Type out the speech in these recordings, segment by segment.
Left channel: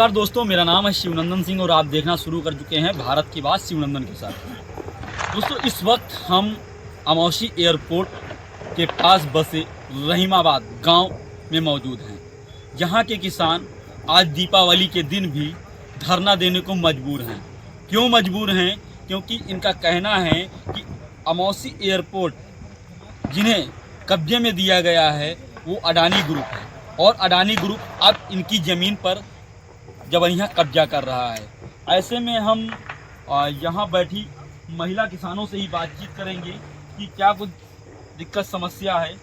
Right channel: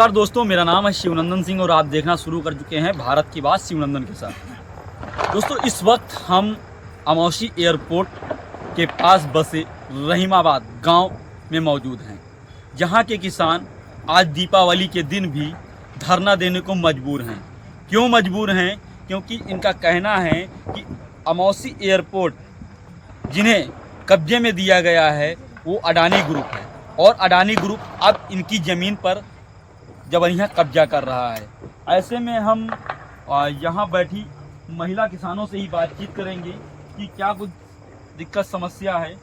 नमस्कार दोस्तों, मेरा नाम है शिवनंदन सिंह और आप देखना शुरू कर चुके हैं भारत की बात शिवनंदन के साथ। दोस्तों, इस वक्त हम अमौसी एयरपोर्ट के पास बसे रहीमाबाद गांव में मौजूद हैं, जहां के किसान आज दीपावली के दिन भी धरना देने को मजबूर हैं। क्यों मजबूर हैं? क्योंकि इनका कहना है कि अमौसी एयरपोर्ट जिन्हें कब्जे में दिया गया है वो अडानी ग्रुप है और अडानी ग्रुप अब इनकी ज़मीन पर जबरन कब्जा कर रहा है। ऐसे में हम यहाँ बैठी महिला किसानों से ही बातचीत करेंगे कि क्या कुछ दिक्कत समस्या है,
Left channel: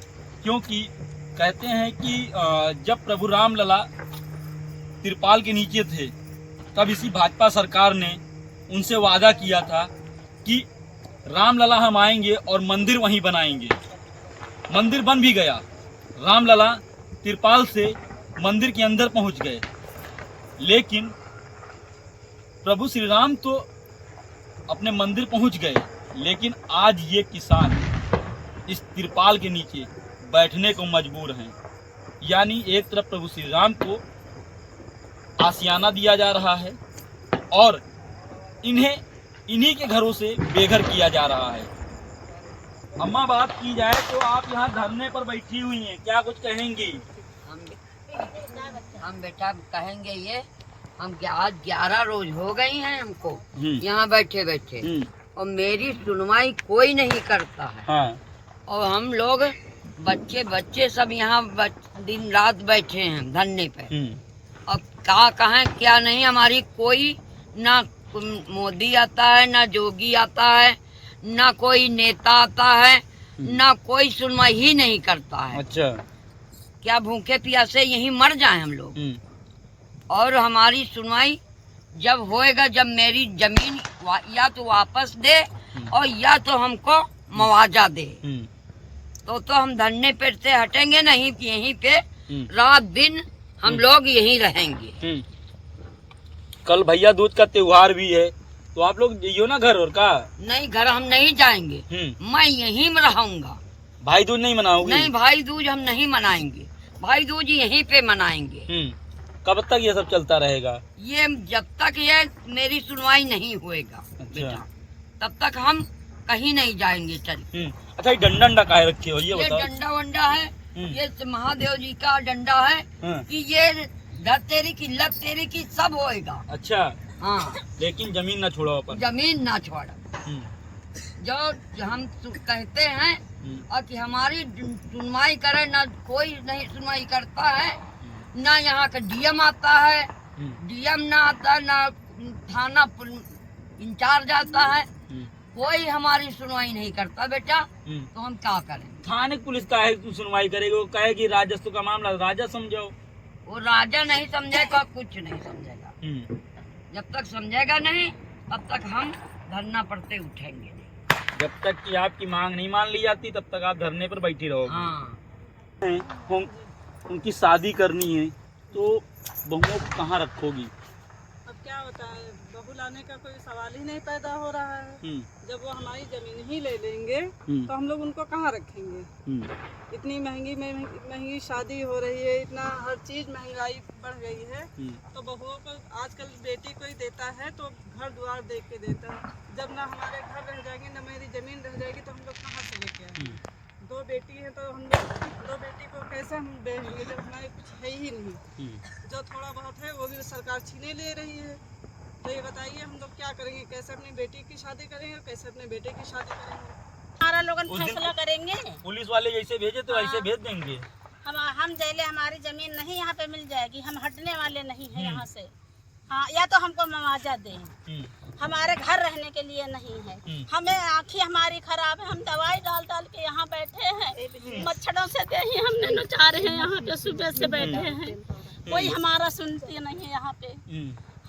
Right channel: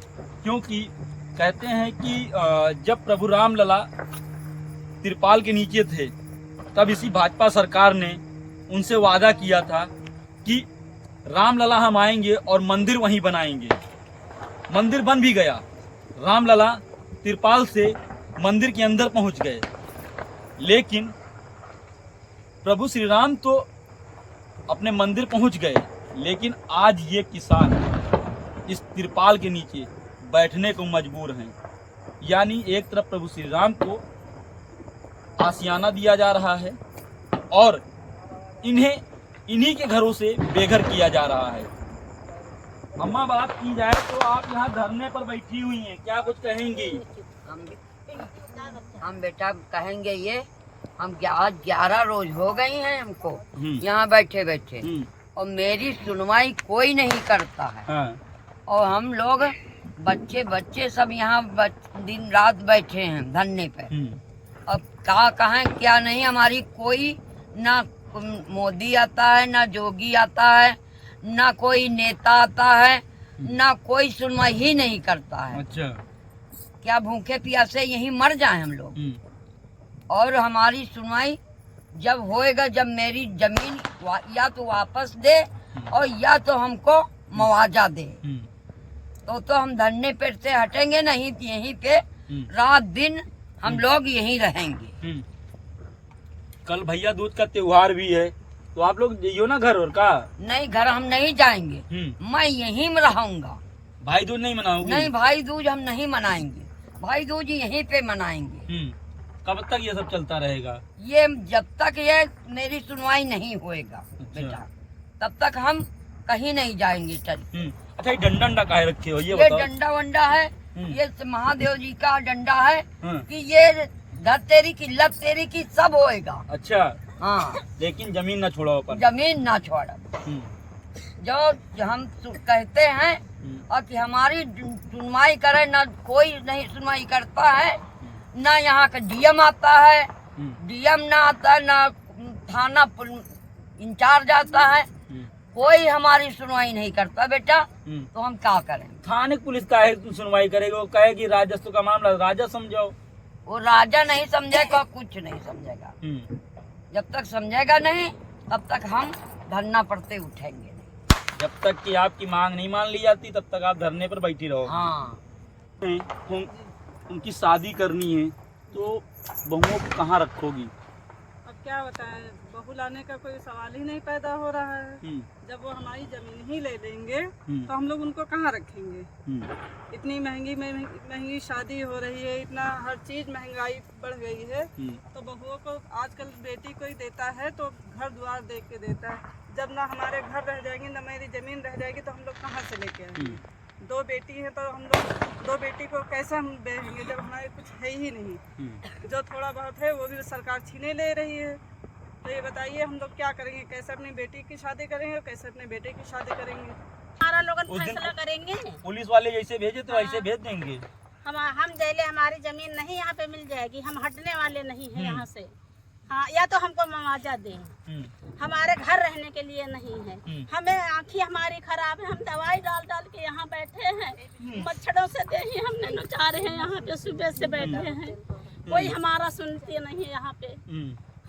क्योंकि कहते हैं कि जब प्रभु रामलला तिरपाल के नीचे थे तब इसी भाजपा सरकार ने उनसे वादा किया था कि रामलला हम आएंगे और मंदिर वहीं बनाएंगे। मंदिर बन भी गया, रामलला तिरपाल से मंदिर के अंदर पहुंच गए, लेकिन प्रभु श्री राम तो अपने मंदिर पहुंच गए, लेकिन आज ये किसान इस तिरपाल के नीचे बैठने को मजबूर हैं। यानी एक तरफ प्रभु श्री राम को आशियाना दिया जा रहा है और इन्हीं के घरों से बेघर किया जा रहा है। अम्मा, बात की जाए तो आप यहाँ धरने पर बैठी हुई हैं, क्या कुछ कहेंगी? हम बेटा कहेंगे ये, हम आज 11 रोज हो गई हैं हमको यहाँ बैठे बैठे और मेरी सुनवाई कोई नहीं करता है। हाँ। और हम लोग बच्चे सब यहाँ दिन रात बैठे हैं धरने पे। अब क्या कहें क्या नहीं, हमारी कोई ना मोदी आता है, ना जोगी आता है, ना कोई नेता आता है, ना कोई सुनवाई ही नहीं करता है। अच्छा। क्या भूखे प्यासे यहीं मर जाएं हम लोग? और हमारी सुनवाई जब होएगा, जब मेरी जमीन या तो वापस दे और या तो हमको मुआवजा दे, तो हम धरने पे से हटेंगे नहीं। यहीं पे रात दिन हम लोग यहीं रहेंगे। कल भैया दूज का त्योहार भी है, तो आप लोग जाइयो ना घर और का? नहीं, घर हम नहीं जाएंगे, मैं यहीं में रहूंगा। भाई दूज नहीं मनाओगे? नहीं, भाई दूज हम नहीं मनाएंगे, भाई दूज यहीं पे मनाएंगे। कब तक ये सब चलता रहेगा? ये जब तक ये मेरी सुनवाई नहीं होएगा बेटा, तब तक हम कहीं नहीं जाएंगे। चल। अच्छा, ये डंडा काहे रखे हो? ये बताओ। डंडा वंडा है, ये महादेव जी का डंडा है कि ये धर तेरी की लब तेरी की सब होएगा। अच्छा। हाँ, लेकिन जमीन ना छोड़ो पर। जमीन ना छोड़ा। जो हम कहते हैं और कि हमारी सुनवाई करे, ना कोई नहीं सुनवाई करता है, ना यहाँ का डीएम आता है, डीएम ना आता, ना थाना इंचार्ज आता है, कोई हमारी सुनवाई नहीं करता बेटा। तो हम क्या करें? थाने पुलिस का है सुनवाई करेगी? वो कहेगी राजस्व का मामला, राजा समझाओ। वो राजा नहीं समझेगा, कुछ नहीं समझेगा। जब तक समझेगा नहीं तब तक हम धरना पड़ते उठेंगे नहीं। जब तक कि आपकी मांग नहीं मान ली जाती तब तक आप धरने पर बैठी रहोगे। हाँ। उनकी शादी करनी है तो बहुओं को कहाँ रखोगी? अब क्या बताएं, बहू लाने का कोई सवाल ही नहीं पैदा हो रहा है। जब वो हमारी जमीन ही ले लेंगे तो हम लोग उनको कहाँ रखेंगे? इतनी महंगी शादी हो रही है, इतना हर चीज महंगाई बढ़ गई है, तो बहुओं को आजकल बेटी कोई देता है तो घर द्वार देख के देता है। जब ना हमारे घर रह जाएंगे, ना मेरी जमीन रह जाएगी, तो हम लोग कहाँ से लेके आएंगे? 2 बेटी हैं तो हम लोग 2 बेटी को कैसे हम बेचेंगे जब हमारे कुछ है ही नहीं? जो थोड़ा बहुत है वो भी सरकार छीने ले रही है। तो ये बताइए हम लोग क्या करेंगे? कैसे अपनी बेटी की शादी करेंगे, कैसे अपने बेटे की शादी करेंगे? हमारा लोग फैसला करेंगे। पुलिस वाले जैसे भेजे तो ऐसे भेज देंगे। हम देले हमारी जमीन नहीं यहाँ पे मिल जाएगी, हम हटने वाले नहीं है यहाँ से। हाँ, या तो हमको मुआवजा दें, हमारे घर रहने के लिए नहीं है। हमें आँखें हमारी खराब है, हम दवाई डाल डाल के यहाँ बैठे हैं, मच्छरों से देही हमने नचा रहे हैं, यहाँ पे सुबह से बैठे हैं, कोई हमारा सुनते नहीं है यहाँ पे।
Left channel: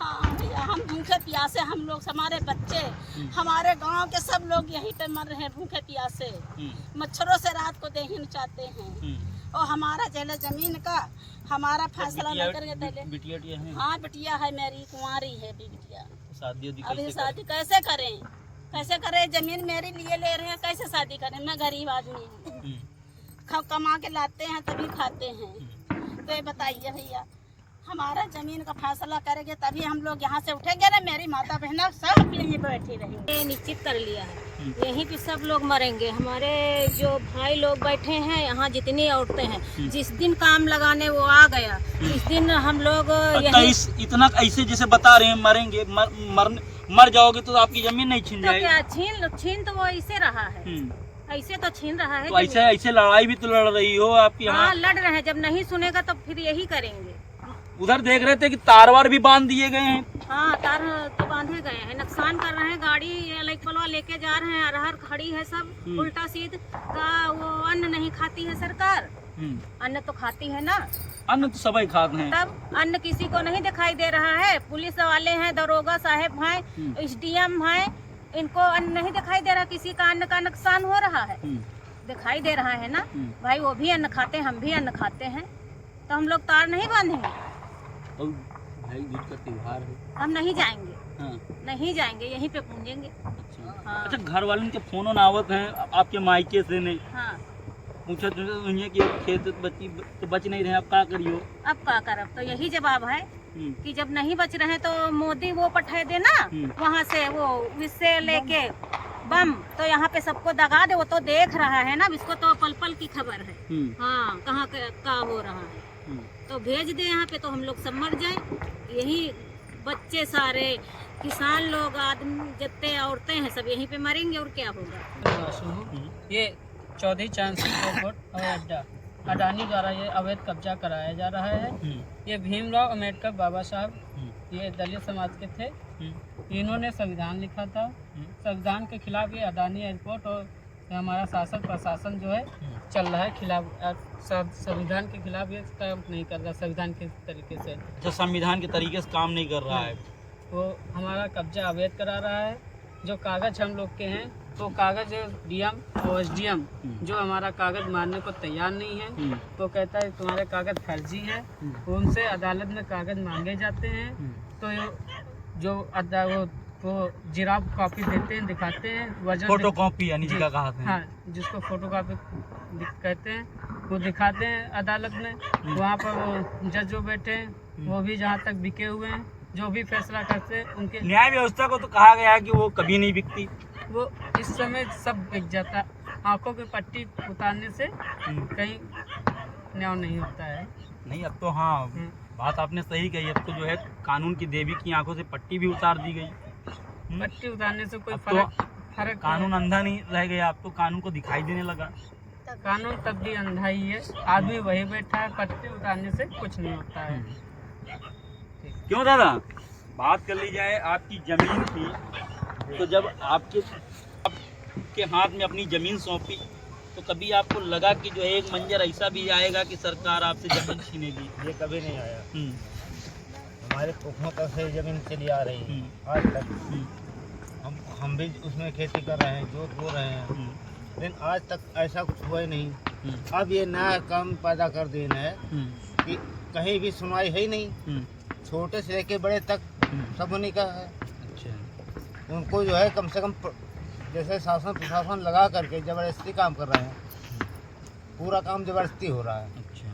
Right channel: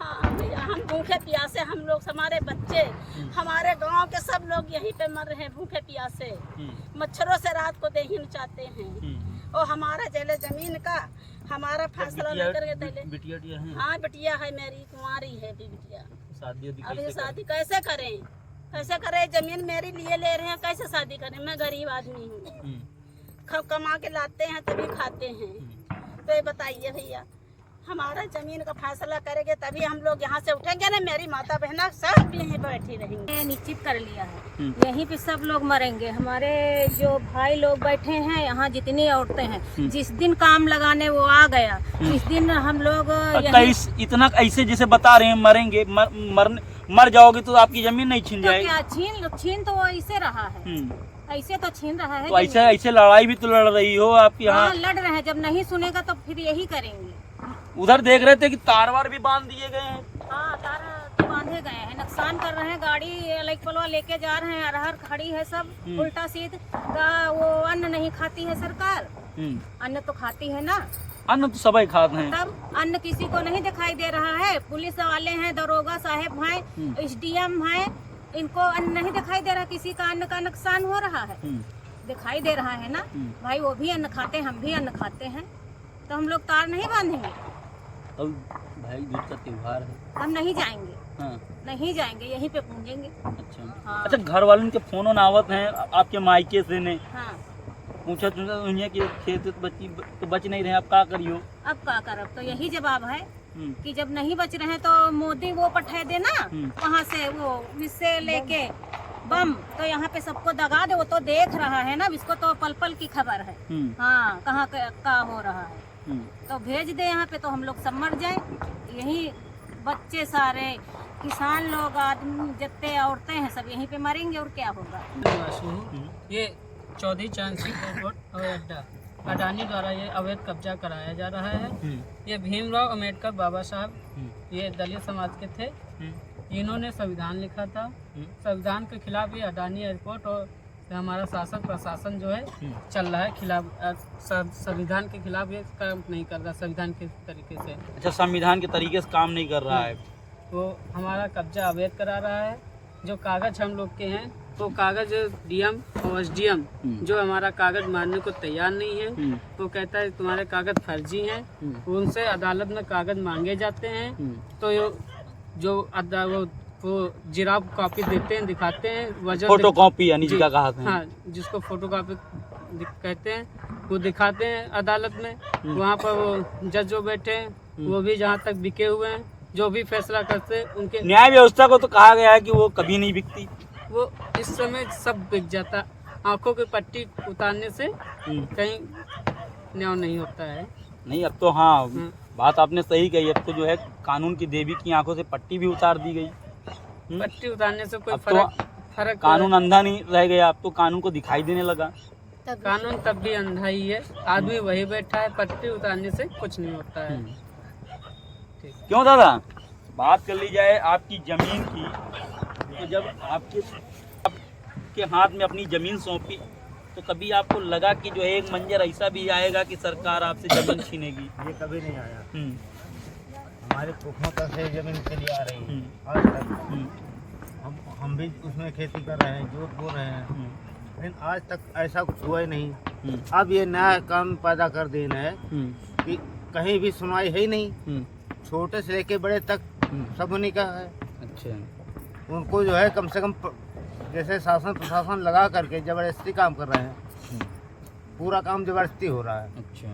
हाँ भैया, हम भूखे प्यासे, हम लोग, हमारे बच्चे, हमारे गांव के सब लोग यहीं पे मर रहे हैं भूखे प्यासे, मच्छरों से रात को देही नचाते हैं। और हमारा जले जमीन का हमारा फैसला न करके दे। बिटिया है? हाँ, बिटिया है, मेरी कुंवारी है बिटिया। शादी अभी शादी कैसे करें? कैसे करें? जमीन मेरी लिए ले रहे हैं, कैसे शादी करें? मैं गरीब आदमी हूँ, कमा के लाते हैं तभी खाते हैं। तो ये बताइए भैया, हमारा जमीन का फैसला करेंगे तभी हम लोग यहाँ से उठेंगे ना। मेरी माता बहना सब यहीं बैठी रहेंगे। निश्चित कर लिया है, यहीं पे सब लोग मरेंगे। हमारे जो भाई लोग बैठे हैं यहाँ, जितनी औरतें हैं, जिस दिन काम लगाने वो आ गया, इस दिन हम लोग इतना ऐसे जैसे बता रहे हैं मरेंगे, मर जाओगे तो आपकी जमीन नहीं छीन तो जाएगी। क्या छीन तो वो ऐसे रहा है, ऐसे तो छीन रहा है। तो ऐसे लड़ाई भी तो लड़ रही हो आप यहाँ। हाँ, लड़ रहे हैं। जब नहीं सुनेगा तो फिर यही करेंगे। उधर देख रहे थे कि तार वार भी बांध दिए गए हैं। हाँ, तार तो बांधे गए हैं, नुकसान कर रहे हैं। गाड़ी लाइक पलवा लेके जा रहे हैं, अरहर खड़ी है सब उल्टा सीध का। वो अन्न नहीं खाती है सरकार, अन्न तो खाती है ना। अन्न तो सभी खाते हैं, तब अन्न किसी को नहीं दिखाई दे रहा है। पुलिस वाले हैं, दरोगा साहब हैं, SDM हैं, इनको अन्न नहीं दिखाई दे रहा। किसी का अन्न का नुकसान हो रहा है, दिखाई दे रहा है ना भाई। वो भी अन्न खाते हैं, हम भी अन्न खाते हैं, तो हम लोग तार नहीं बांधेंगे। तो भाई जिसका त्योहार है हम नहीं जाएंगे। हाँ। नहीं जाएंगे, यहीं पे पूजेंगे। अच्छा। हाँ। अच्छा, घर वालों के फोन आवत हैं आपके मायके से ने हाँ, पूछा तुझे कि खेत बची तो बच नहीं रहे, अब क्या करियो? अब क्या करब? तो यही जवाब है कि जब नहीं बच रहे तो मोदी वो पठा दे ना वहाँ से, वो इससे लेके बम, तो यहाँ पे सबको दगा दे। वो तो देख रहा है ना, इसको तो पल पल की खबर है। हाँ, कहाँ का हो रहा है, तो भेज दे यहाँ पे, तो हम लोग सब मर जाए। यही बच्चे सारे, किसान लोग, आदमी जितने औरतें हैं, सब यहीं पे मरेंगे और क्या होगा। ये चौधरी चरण सिंह एयरपोर्ट हवाई अड्डा अडानी द्वारा ये अवैध कब्जा कराया जा रहा है। ये भीमराव अम्बेडकर बाबा साहब, ये दलित समाज के थे। इन्होंने संविधान लिखा था। संविधान के खिलाफ ये अडानी एयरपोर्ट और हमारा शासन प्रशासन जो है चल रहा है खिलाफ, संविधान के खिलाफ ये काम नहीं कर रहा, संविधान के तरीके से। अच्छा, संविधान के तरीके से काम नहीं कर रहा है। वो हमारा कब्जा अवैध करा रहा है। जो कागज हम लोग के हैं, तो कागज DM और SDM जो हमारा कागज मानने को तैयार नहीं है। तो कहता है तुम्हारे कागज फर्जी हैं। उनसे अदालत में कागज मांगे जाते हैं, तो जो वो जिराब कॉपी देते हैं, दिखाते हैं, वजन फोटो कॉपी यानी जिसका कहते हैं। हाँ, जिसको फोटो कॉपी कहते हैं, वो दिखाते हैं अदालत में। वहाँ पर वो जज जो बैठे हैं, वो भी जहाँ तक बिके हुए हैं, जो भी फैसला करते हैं उनके। न्याय व्यवस्था को तो कहा गया है कि वो कभी नहीं बिकती। वो इस समय सब बिक जाता। आंखों की पट्टी उतारने से कहीं न्याय नहीं होता है। नहीं, अब तो हाँ, बात आपने सही कही। अब तो जो है कानून की देवी की आंखों से पट्टी भी उतार दी गई। पट्टी उतारने से कोई फर्क कानून अंधा नहीं रह गया, अब तो कानून को दिखाई देने लगा। कानून तब भी अंधा ही है, आदमी वही बैठा है। पट्टी उतारने से कुछ नहीं होता है। क्यों दादा, बात कर ली जाए आपकी जमीन की, तो जब आपके हाथ में अपनी जमीन सौंपी, तो कभी आपको लगा कि जो है एक मंजर ऐसा भी आएगा कि सरकार आपसे जमीन छीनेगी? ये कभी नहीं आया। हमारे पुरखों तक से जमीन चली आ रही है आज तक। हम भी उसमें खेती कर रहे हैं, जोत बो रहे हैं, लेकिन आज तक ऐसा कुछ हुआ ही नहीं। अब ये नया काम पैदा कर देना है कि कहीं भी सुनवाई है ही नहीं। छोटे से लेके बड़े तक सब उन्हीं का है। अच्छा। उनको जो है कम से कम जैसे शासन प्रशासन लगा करके जबरदस्ती काम कर रहे हैं। पूरा काम जबरदस्ती हो रहा है। अच्छा,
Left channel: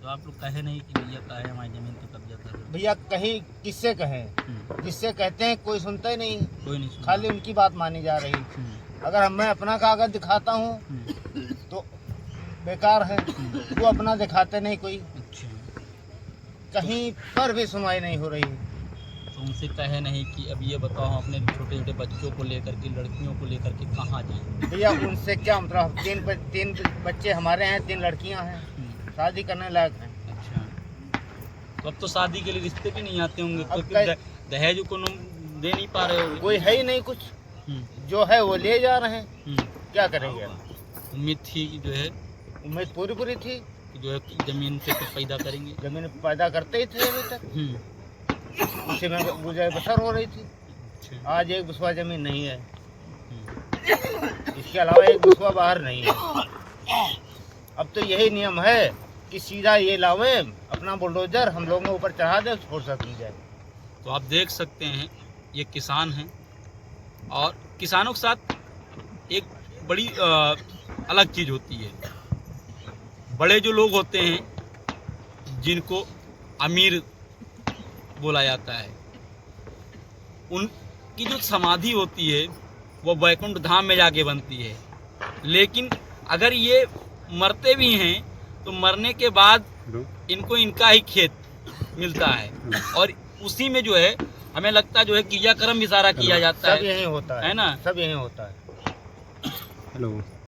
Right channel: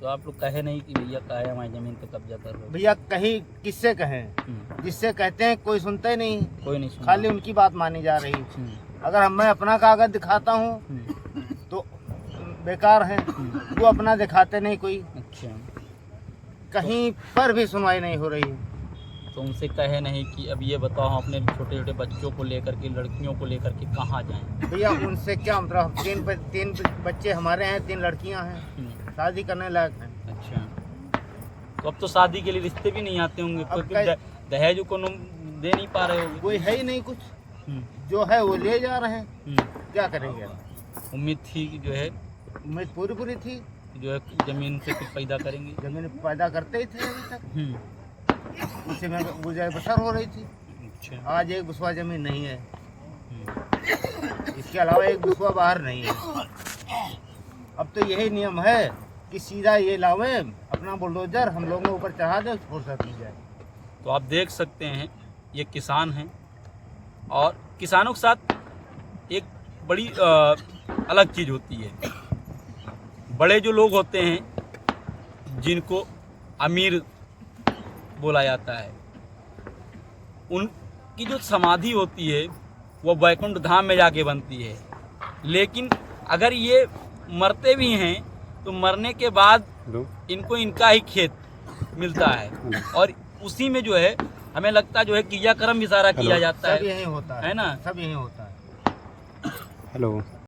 तो आप लोग कहे नहीं कि भैया कहे हमारी जमीन तो कब्जा कर रहे हो? भैया कहीं किससे कहें, जिससे कहते हैं कोई सुनता ही नहीं, कोई नहीं सुनता। खाली उनकी बात मानी जा रही। अगर मैं अपना कागज दिखाता हूँ तो बेकार है, वो अपना दिखाते नहीं कोई। अच्छा, कहीं पर भी सुनवाई नहीं हो रही है। तो उनसे कहे नहीं कि अब ये बताओ हम अपने छोटे छोटे बच्चों को लेकर के, लड़कियों को लेकर के कहाँ जाएं? भैया उनसे क्या मतलब, तीन बच्चे हमारे हैं, 3 लड़कियां हैं, शादी करने लायक हैं। अच्छा, तो अब तो शादी के लिए रिश्ते भी नहीं आते होंगे, क्योंकि दहेज को दे नहीं पा रहे होंगे। कोई है ही नहीं कुछ, जो है वो ले जा रहे हैं। क्या करेंगे? उम्मीद थी कि जो है, उम्मीद पूरी थी कि जो है जमीन से कुछ पैदा करेंगे। जमीन पैदा करते ही थे अभी तक, उसी में गुजर बसर हो रही थी। अच्छा। आज एक बिस्वा जमीन नहीं है, इसके अलावा एक बिस्वा बाहर नहीं है। अब तो यही नियम है कि सीधा ये लावे अपना बुलडोजर, हम लोगों के ऊपर चढ़ा दे, फुर्सत मिल जाए। तो आप देख सकते हैं ये किसान हैं, और किसानों के साथ एक बड़ी अलग चीज़ होती है। बड़े जो लोग होते हैं, जिनको अमीर बोला जाता है। उनकी जो समाधि होती है वो वैकुंठ धाम में जाके बनती है। लेकिन अगर ये मरते भी हैं तो मरने के बाद इनको इनका ही खेत मिलता है और उसी में जो है हमें लगता है जो है क्रियाक्रम भी सारा किया जाता सब है, यही होता है ना? सब यही होता है। हेलो।